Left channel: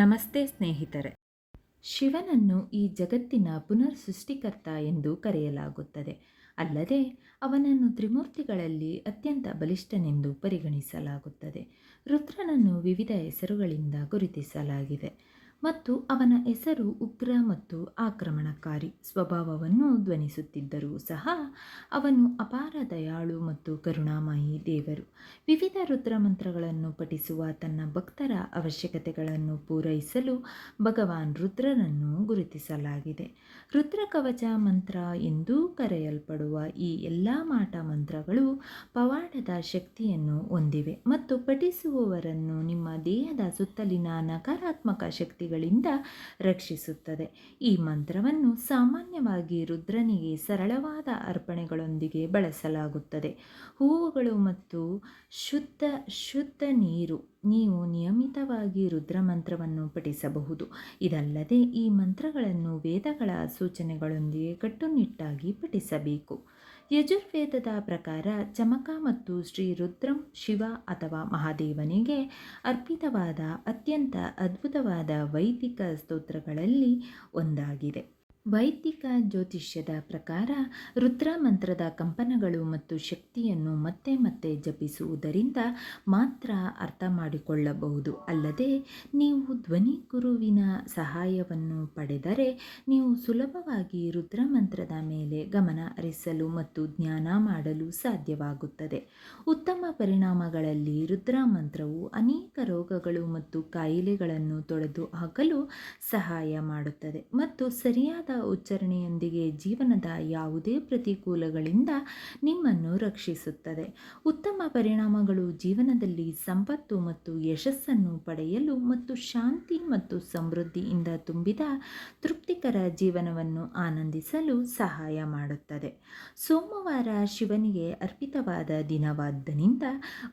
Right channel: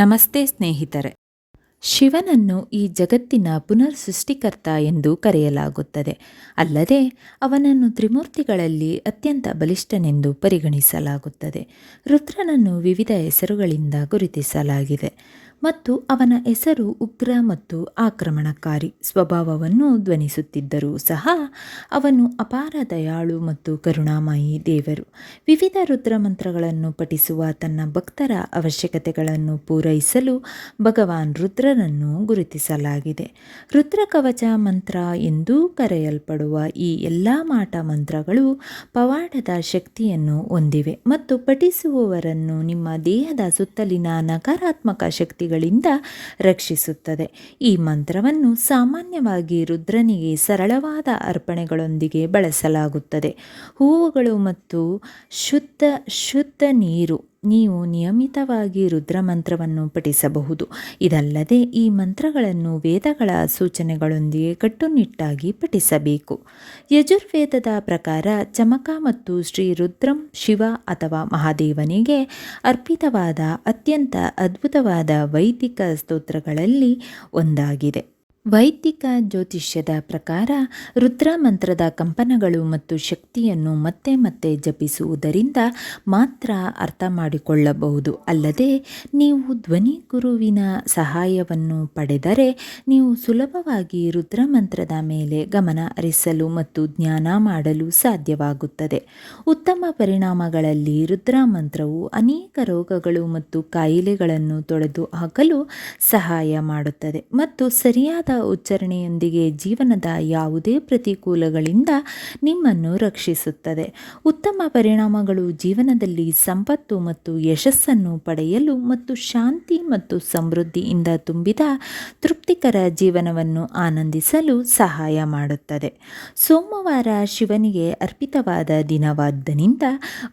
ನಮಸ್ತೆ ಸ್ನೇಹಿತರೆ. ಶಿವನನ್ನು ಈ ಜಗತ್ತಿನ ಪುನರ್ ಸೃಷ್ಟಿಕರ್ತ ಎಂದು ಕರೆಯಲಾಗುತ್ತದೆ. ಅಲ್ಲದೆ, ಅವನನ್ನು ತ್ರಿಮೂರ್ತಿಗಳಲ್ಲಿ ಅತ್ಯಂತ ಬಲಿಷ್ಠನೆಂದು ಪರಿಗಣಿಸಲಾಗುತ್ತದೆ. ರುದ್ರನನ್ನು ವಿವಿಧ ಹೆಸರುಗಳಿಂದ ಗುರುತಿಸಲಾಗಿದೆ. ಮತ್ತು ಅವನ ಹೆಸರು ಉಗ್ರ ಮತ್ತು ಆಕ್ರಮಣಕಾರಿ ಸ್ವಭಾವವನ್ನು ಧ್ವನಿಸುತ್ತಿದ್ದರೂ ಸಹ ಅವನು ಅಪಾರ ದಯಾಳು ಮತ್ತು ಕರುಣಾಮಯಿ ದೇವರು. ವಿವಿಧ ರುದ್ರ ಮಂತ್ರಗಳನ್ನು ಪಠಿಸುವ ತನ್ನ ಭಕ್ತರ ಅವಶ್ಯಕತೆಗಳನ್ನು ಪೂರೈಸಲು ಭಗವಾನ್ ರುದ್ರನನ್ನು ಗುರುತಿಸಲಾಗಿದೆ. ರುದ್ರ ಕವಚ ಮಂತ್ರ ಎಂದೂ ಕರೆಯಲ್ಪಡುವ ಈ ಎಲ್ಲ ಮಾಟ ಮಂತ್ರಗಳು ಪವಾಡದ ಶಕ್ತಿಯನ್ನು ಹೊಂದಿವೆ ಮತ್ತು ಪಠಿಸುವವರನ್ನು ನಿಮ್ಮ ದೇಹದ ಸುತ್ತಲಿನ ನಕಾರಾತ್ಮಕ ಶಕ್ತಿ ಗಳಿಂದ ರಕ್ಷಿಸುತ್ತದೆ. ಈ ಮಂತ್ರವನ್ನು ಸಾಮಾನ್ಯವಾಗಿ ರುದ್ರನಿಗೆ ಸರಳವಾದ ಅರ್ಪಣೆಗಳೊಂದಿಗೆ ಬಳಸಲಾಗುತ್ತದೆ. ಹೂವುಗಳು ಮತ್ತು ಶುದ್ಧ ಶುದ್ಧ ನೀರು ನೀವು ನಿಯಮಿತವಾಗಿ ರುದ್ರ ಮಂತ್ರವನ್ನು ಪಠಿಸಬಹುದು. ಇದಲ್ಲದೆ ಈ ಮಂತ್ರಗಳನ್ನು ವೇದಗಳ ಸೂಚನೆಗಳೊಂದಿಗೆ ಕಟ್ಟುನಿಟ್ಟಾಗಿ ಪಠಿಸಬೇಕು. ಯಜುರ್ವೇದದ ಪ್ರಕಾರ ಚಮಕ ಮತ್ತು ಶ್ರೀ ರುದ್ರಂ ಶಿವ ಅಥವಾ ಮಹಾದೇವನಿಗೆ ಅರ್ಪಿತವಾದ ಅತ್ಯಂತ ಅದ್ಭುತವಾದ ವೈದಿಕ ಸ್ತೋತ್ರಗಳಲ್ಲಿ ಒಂದಾಗಿದೆ. ವೈದಿಕ ಜ್ಯೋತಿಷ್ಯದ ಪ್ರಕಾರ ರುದ್ರ ಮಂತ್ರದ ಕಂಪನಗಳು ಮತ್ತು ಶಕ್ತಿಯನ್ನು ಮತ್ತೆ ಮತ್ತೆ ಜಪಿಸುವುದರಿಂದ ಮಾತ್ರ ಅರ್ಥ ಮಾಡಿಕೊಳ್ಳಬಹುದು. ಅಲ್ಲದೆ ನೀವು ಧ್ವನಿ ಗುರುವಿನ ಸಹಾಯವನ್ನು ಪಡೆದರೆ ನೀವು ಸುಲಭವಾಗಿ ರುದ್ರ ಮಂತ್ರದ ಮೇಲೆ ಗಮನ ಹರಿಸಲು ಮತ್ತು ಜ್ಞಾನ ಮಾಡಲು ಸಾಧ್ಯವಾಗುತ್ತದೆ. ಉತ್ತಮ ಪರಿಣಾಮಗಳಲ್ಲಿ ರುದ್ರ ಮಂತ್ರವು ಅನೇಕ ರೋಗಗಳು ಮತ್ತು ಕಾಯಿಲೆಗಳನ್ನು ತೊಡೆದು ಹಾಕಲು ಸಹಾಯ ಮಾಡುತ್ತದೆ ಮತ್ತು ಸರಿಯಾದ ಉಚ್ಚಾರಣೆಯೊಂದಿಗೆ ಜೀವನದ ಯಾವುದೇ ಪ್ರತಿಕೂಲಗಳಿಂದ ನಿಮ್ಮನ್ನು ರಕ್ಷಿಸುತ್ತದೆ. ಉತ್ತಮ ಪರಿಣಾಮಗಳು ಜೀವನದಲ್ಲಿ ಸಂಪತ್ತು ಮತ್ತು ಯಶಸ್ಸನ್ನು ಪಡೆಯಲು ಮತ್ತು ಶಾಂತಿ ಮತ್ತು ಸಮೃದ್ಧಿಯಿಂದ ತುಂಬಿದ ತೃಪ್ತಿಕರ ಜೀವನವನ್ನು ಆನಂದಿಸಲು ಸಹಾಯ ಮಾಡುತ್ತದೆ. ಸೋಮವಾರ ಶಿವನಿಗೆ ಅರ್ಪಿತವಾದ ದಿನವಾದ್ದರಿಂದ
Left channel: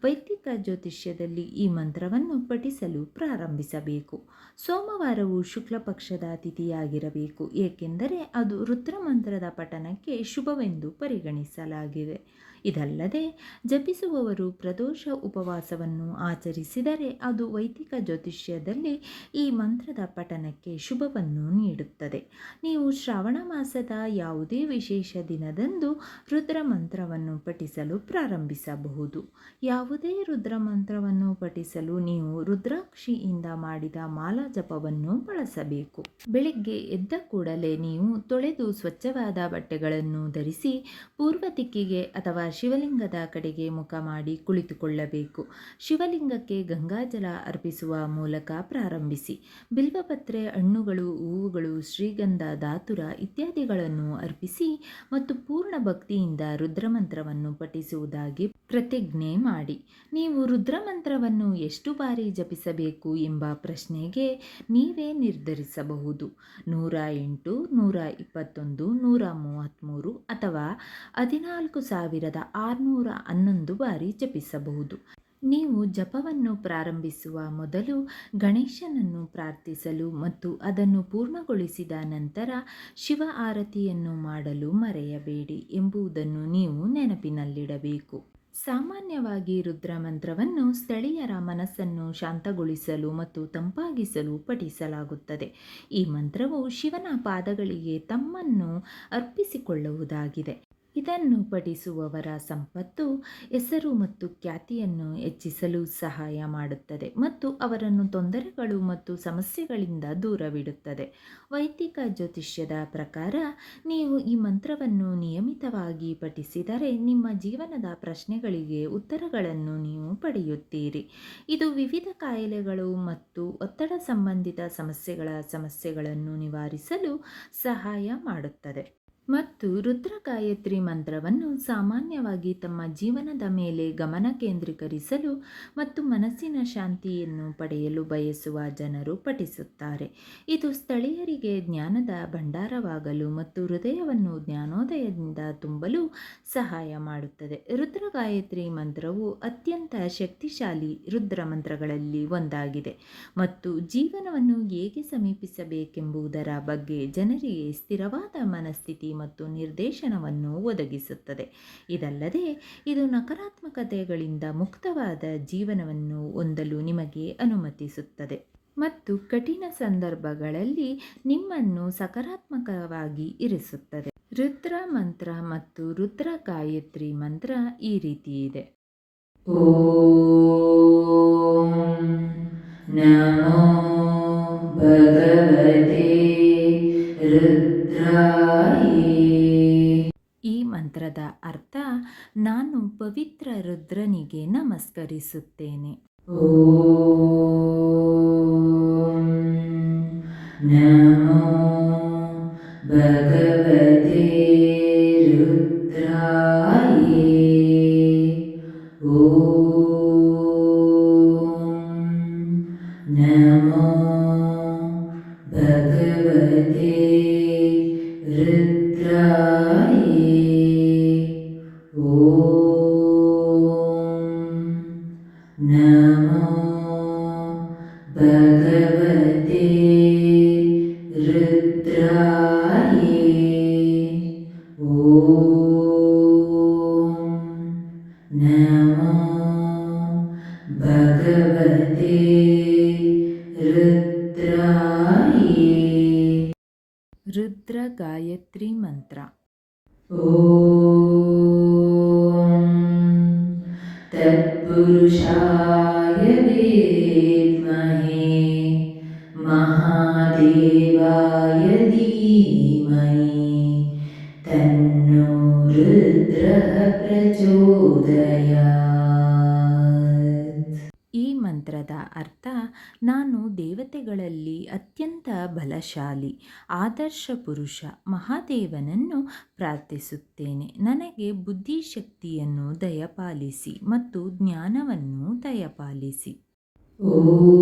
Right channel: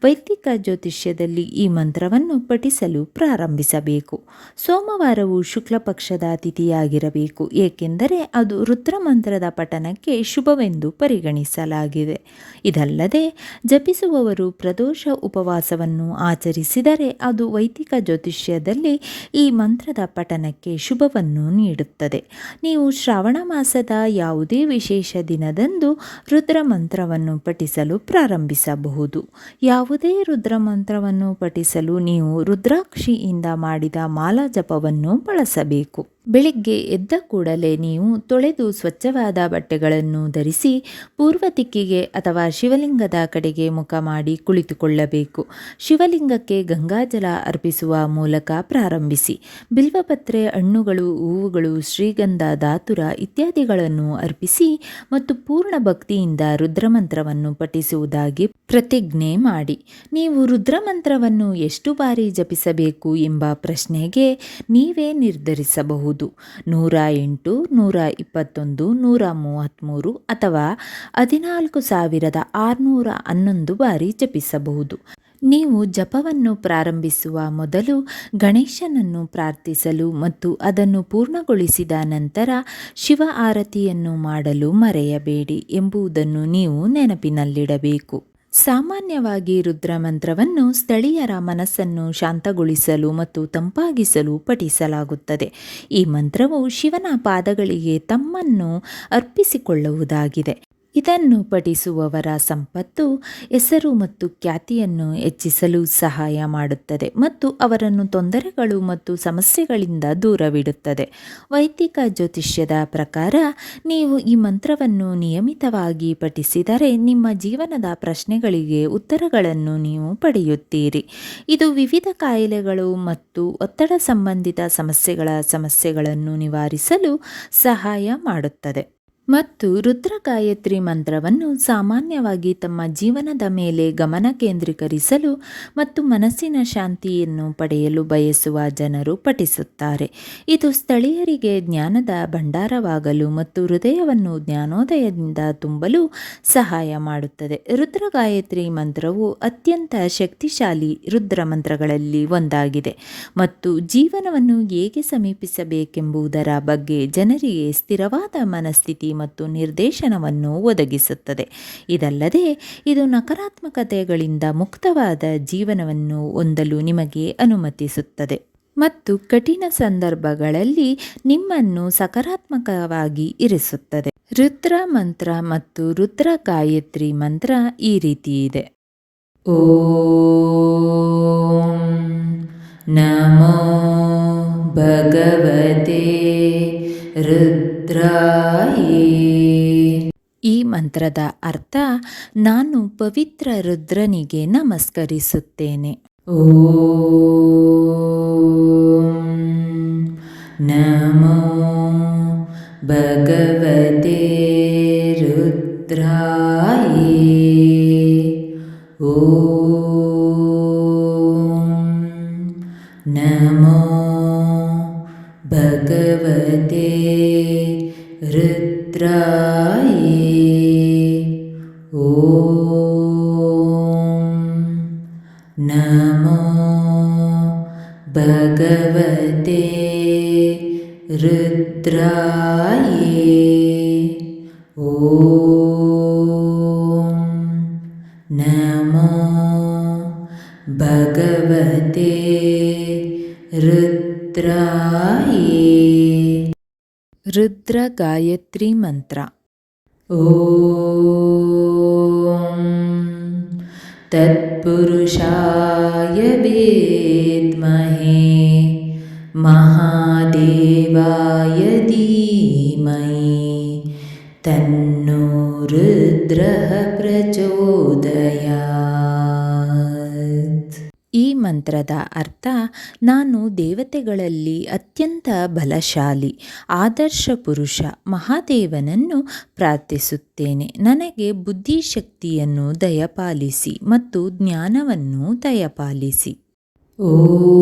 ವೈದಿಕ ಜ್ಯೋತಿಷ್ಯದಲ್ಲಿ ಈ ಮಂತ್ರವನ್ನು ಪಠಿಸಲು ಪ್ರಾರಂಭಿಸಬೇಕು. ಸೋಮವಾರವು ಶುಕ್ಲ ಪಕ್ಷದ ತಿಥಿಯಾಗಿರಬೇಕು ಏಕೆಂದರೆ ಅದು ರುದ್ರಮಂತ್ರದ ಪಠನಕ್ಕೆ ಶುಭವೆಂದು ಪರಿಗಣಿಸಲಾಗಿದೆ. ಇದಲ್ಲದೆ, ಜಪಿಸುವವರು ಪ್ರದೋಷ ಉಪವಾಸವನ್ನು ಆಚರಿಸಿದರೆ ಅದು ವೈದಿಕ ಜ್ಯೋತಿಷ್ಯದಲ್ಲಿ ಈ ಮಂತ್ರದ ಪಠನಕ್ಕೆ ಶುಭವನ್ನು ನೀಡುತ್ತದೆ. ನೀವು ಶ್ರಾವಣ ಮಾಸದ ಯಾವುದೇ ವಿಶೇಷ ದಿನದಂದು ರುದ್ರ ಮಂತ್ರವನ್ನು ಪಠಿಸಲು ಪ್ರಾರಂಭಿಸಬಹುದು. ಯಾವುದೇ ರುದ್ರ ಮಂತ್ರವನ್ನು ಪಠಿಸಲು ನೀವು ರುದ್ರಾಕ್ಷಿಯಿಂದ ಮಾಡಿದ ಮಾಲಾ ಜಪವನ್ನು ಬಳಸಬೇಕು. ಬೆಳಿಗ್ಗೆ ಎದ್ದ ಕೂಡಲೇ ನೀವು ತೊಳೆದು ಸ್ವಚ್ಛವಾದ ಬಟ್ಟೆಗಳನ್ನು ಧರಿಸಿ ಪೂರ್ವ ದಿಕ್ಕಿಗೆ ಅಥವಾ ಶಿವಲಿಂಗದ ಕಡೆಗೆ ಮುಖ ಮಾಡಿ ಕುಳಿತುಕೊಳ್ಳಬೇಕು. ಶಿವಲಿಂಗಕ್ಕೆ ಗಂಗಾಜಲ ಅರ್ಪಿಸುವ ಮೂಲಕ ಪ್ರಾರಂಭಿಸಿ. ಬಿಲ್ವಪತ್ರೆ, ಹಣ್ಣುಗಳು, ಹೂವುಗಳು, ಶ್ರೀಗಂಧ, ಧಾತುರ ಇತ್ಯಾದಿಗಳನ್ನು ಅರ್ಪಿಸಿ ಮತ್ತು ಪೂರ್ಣ ಭಕ್ತಿಯಿಂದ ರುದ್ರಮಂತ್ರವನ್ನು ಪಠಿಸುವುದಾಗಿ ಪ್ರತಿಜ್ಞೆ ಮಾಡಿ. ನೀವು ರುದ್ರಮಂತ್ರವನ್ನು ಎಷ್ಟು ಬಾರಿ ಜಪಿಸಬೇಕು ಎಂಬ ಪ್ರಶ್ನೆಗೆ ನೀವೇ ನಿರ್ಧರಿಸಬಹುದು. ನೂರ ಎಂಟು ನೂರ ಇಪ್ಪತ್ತೊಂದು ನೂರ ಮೂವತ್ತ್ಮೂರು ಅಥವಾ ಹದಿನಾಲ್ಕು ಸಾವಿರದ ಆರುನೂರ ಹನ್ನೊಂದು ಬಾರಿ ಜಪಿಸಬಹುದು. ನೀವು ಜಪವನ್ನು ಪ್ರಾರಂಭಿಸುವ ಮೊದಲು ಗಣೇಶನನ್ನು ಪ್ರಾರ್ಥಿಸಲು ಮತ್ತು ಅದನ್ನು ಪೂರ್ಣಗೊಳಿಸಿದ ನಂತರ ಶಿವ ಆರತಿಯನ್ನು ಮಾಡಲು ಮರೆಯಬೇಡಿ ಎಂಬುದನ್ನು ನೀವು ನೆನಪಿನಲ್ಲಿಡಬೇಕು. ಸಾಮಾನ್ಯವಾಗಿ ರುದ್ರ ಮಂತ್ರವನ್ನು ಸ್ಥಳೀಯರ ಮನಸ್ಸನ್ನು ಶಾಂತಗೊಳಿಸಲು ಮತ್ತು ತಂಪಾಗಿಸಲು ಪಠಿಸಲಾಗುತ್ತದೆ. ಈ ಮಂತ್ರವು ಶಿವನ ಪಾದಗಳಿಗೆ ತಮ್ಮನ್ನು ಅರ್ಪಿಸಿಕೊಳ್ಳುವುದಾಗಿದೆ. ಇದನ್ನು ಪಠಿಸುವವರ ಸಂಪತ್ತು ಹೆಸರು ಮತ್ತು ಖ್ಯಾತಿಯನ್ನು ಹೆಚ್ಚಿಸಲು ಸಹಾಯ ಮಾಡುತ್ತದೆ ಮತ್ತು ಅವರನ್ನು ತೊಂದರೆಗಳು ಮತ್ತು ಸಮಸ್ಯೆಗಳಿಂದ ದೂರವಿಡುತ್ತದೆ. ವೈದಿಕ ಜ್ಯೋತಿಷ್ಯದ ಪ್ರಕಾರ ನೀವು ಈ ಮಂತ್ರವನ್ನು ನಿಯಮಿತವಾಗಿ ಪಠಿಸಿದರೆ ನಿಮ್ಮ ಜೀವನದ ಪ್ರಶ್ನೆಗಳಿಗೆ ಉತ್ತರಗಳನ್ನು ನೀವು ಪಡೆಯುತ್ತೀರಿ. ಇದು ವಿವಿಧ ಕಾಯಿಲೆಗಳು ಮತ್ತು ಒತ್ತಡ ಸಂಬಂಧಿತ ಸಮಸ್ಯೆಗಳ ಸಮಸ್ಯೆಗಳನ್ನು ನಿವಾರಿಸಲು ಸಹಾಯ ಮಾಡುತ್ತದೆ. ಮತ್ತು ರುದ್ರಗಾಯತ್ರಿ ಮಂತ್ರವನ್ನು ಸಾಮಾನ್ಯವಾಗಿ ತಮ್ಮ ಜೀವನದ ಮೇಲೆ ಗಮನ ಕೇಂದ್ರೀಕರಿಸಲು ಮತ್ತು ಮನಸ್ಸಿನ ಶಾಂತಿಯನ್ನು ಪಡೆಯಲು ಬಯಸುವ ಜನರು ಪಠಿಸುತ್ತಾರೆ. ಇದು ಸ್ಥಳೀಯರಿಗೆ ಜ್ಞಾನದ ಭಂಡಾರವಾಗಲು ಮತ್ತು ಹೃದಯವನ್ನು ಜ್ಞಾನೋದಯದಿಂದ ತುಂಬಲು ಸಹಾಯ ಮಾಡುತ್ತದೆ. ರುದ್ರಗಾಯತ್ರಿ ಮಂತ್ರವು ಅತ್ಯಂತ ಶಕ್ತಿಶಾಲಿ ರುದ್ರ ಮಂತ್ರಗಳಲ್ಲಿ ಒಂದಾಗಿದೆ ಮತ್ತು ಜೀವನವನ್ನು ಹೇಗೆ ಸಮೀಪಿಸಬೇಕೆಂಬುದರ ಬಗ್ಗೆ ಜನರಿಗೆ ಸ್ಥಿರವಾದ ಮನಸ್ಥಿತಿ ಮತ್ತು ನಿರ್ದೇಶನವನ್ನು ಒದಗಿಸುತ್ತದೆ. ಇದಲ್ಲದೆ, ಇದು ನಕಾರಾತ್ಮಕತೆಗಳಿಂದ ಮುಕ್ತವಾದ ಜೀವನವನ್ನು ಹೊಂದಲು ನಿಮಗೆ ಅನುಮತಿಸುತ್ತದೆ. ಮತ್ತು ಕಠಿಣ ಸಂದರ್ಭಗಳಲ್ಲಿ ನಿಮ್ಮನ್ನು ಸಕಾರಾತ್ಮಕವಾಗಿ ಇರಿಸುತ್ತದೆ. ರುದ್ರ ಮಂತ್ರ ಮತ್ತು ರುದ್ರ ಗಾಯತ್ರಿ ಮಂತ್ರ ಈ ರೀತಿ ಇದೆ. ಓಂ ನಮೋ ಭಗವತೆ ರುದ್ರಾಯೇ. ಈ ಮಂತ್ರದ ಅರ್ಥ ನಾನು ಪವಿತ್ರ ರುದ್ರನಿಗೆ ನಮಸ್ಕರಿಸುತ್ತೇನೆ. ಓಂ नमो भगवते रुद्राये ॐ नमो भगवते ऋद्राये रुद्रगायत्रीमन्त्रा ओ ತತ್ಪುರುಷಾಯ ವಿದ್ಮಹೇ ಮಹಾದೇವಾಯ ಧೀಮಹಿ ತನ್ನೋ ರುದ್ರಃ ಪ್ರಚೋದಯಾತ್ ಈ ಮಂತ್ರದ ಅರ್ಥ ನಾನು ದೇವತೆಗಳಲ್ಲಿ ಅತ್ಯಂತ ಬಲಶಾಲಿ, ಆದರ್ಶ ಪುರುಷ ಮಹಾದೇವನನ್ನು ಪ್ರಾರ್ಥಿಸುತ್ತೇನೆ. ನನಗೆ ಬುದ್ಧಿಶಕ್ತಿಯನ್ನು ದಯಪಾಲಿಸಿ ಮತ್ತು ಜ್ಞಾನವನ್ನು ದಯಪಾಲಿಸಿ. ಓಂ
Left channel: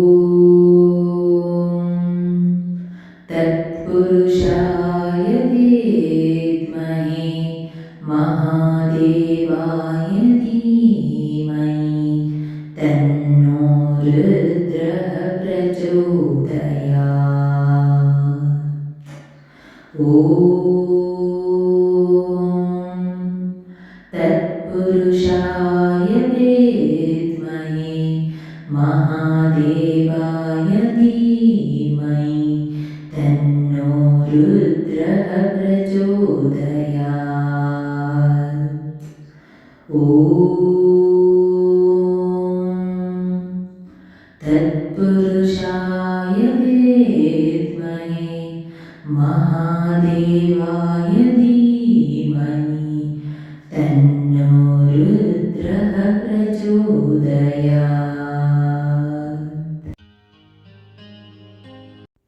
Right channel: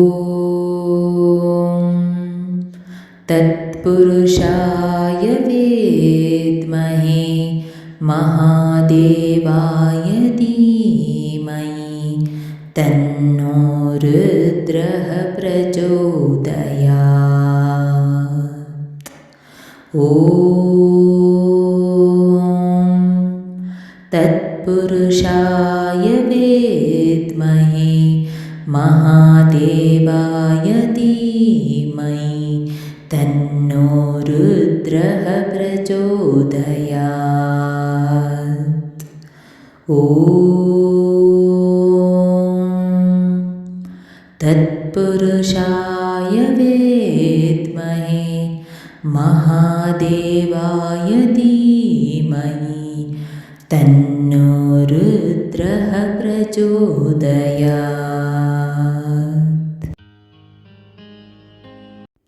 ತತ್ಪುರುಷಾಯ ॐ तत्पुरुषाय वेद्महे महादेवाय धीमहि तन्नो रुद्रः प्रचोदयात्। ॐ ಮಹಾದೇವಾಯ धीमहि तन्नो रुद्रः प्रचोदयात्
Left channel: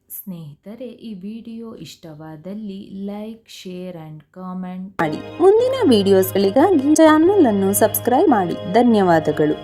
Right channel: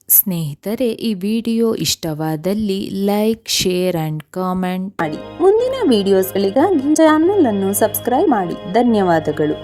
ಸ್ನೇಹಿತರೆ ಈ ವಿಡಿಯೋ ಇಷ್ಟವಾದಲ್ಲಿ ಲೈಕ್ ಶೇರ್ ಅಂಡ್ ಕಾಮೆಂಟ್ ಮಾಡಿ. ಮುಂದಿನ ವಿಡಿಯೋಸ್ಗಳಿಗಾಗಿ ಚಾನಲ್ ಅನ್ನು ಸಬ್ಸ್ಕ್ರೈಬ್ ಮಾಡಿ. ಧನ್ಯವಾದಗಳು.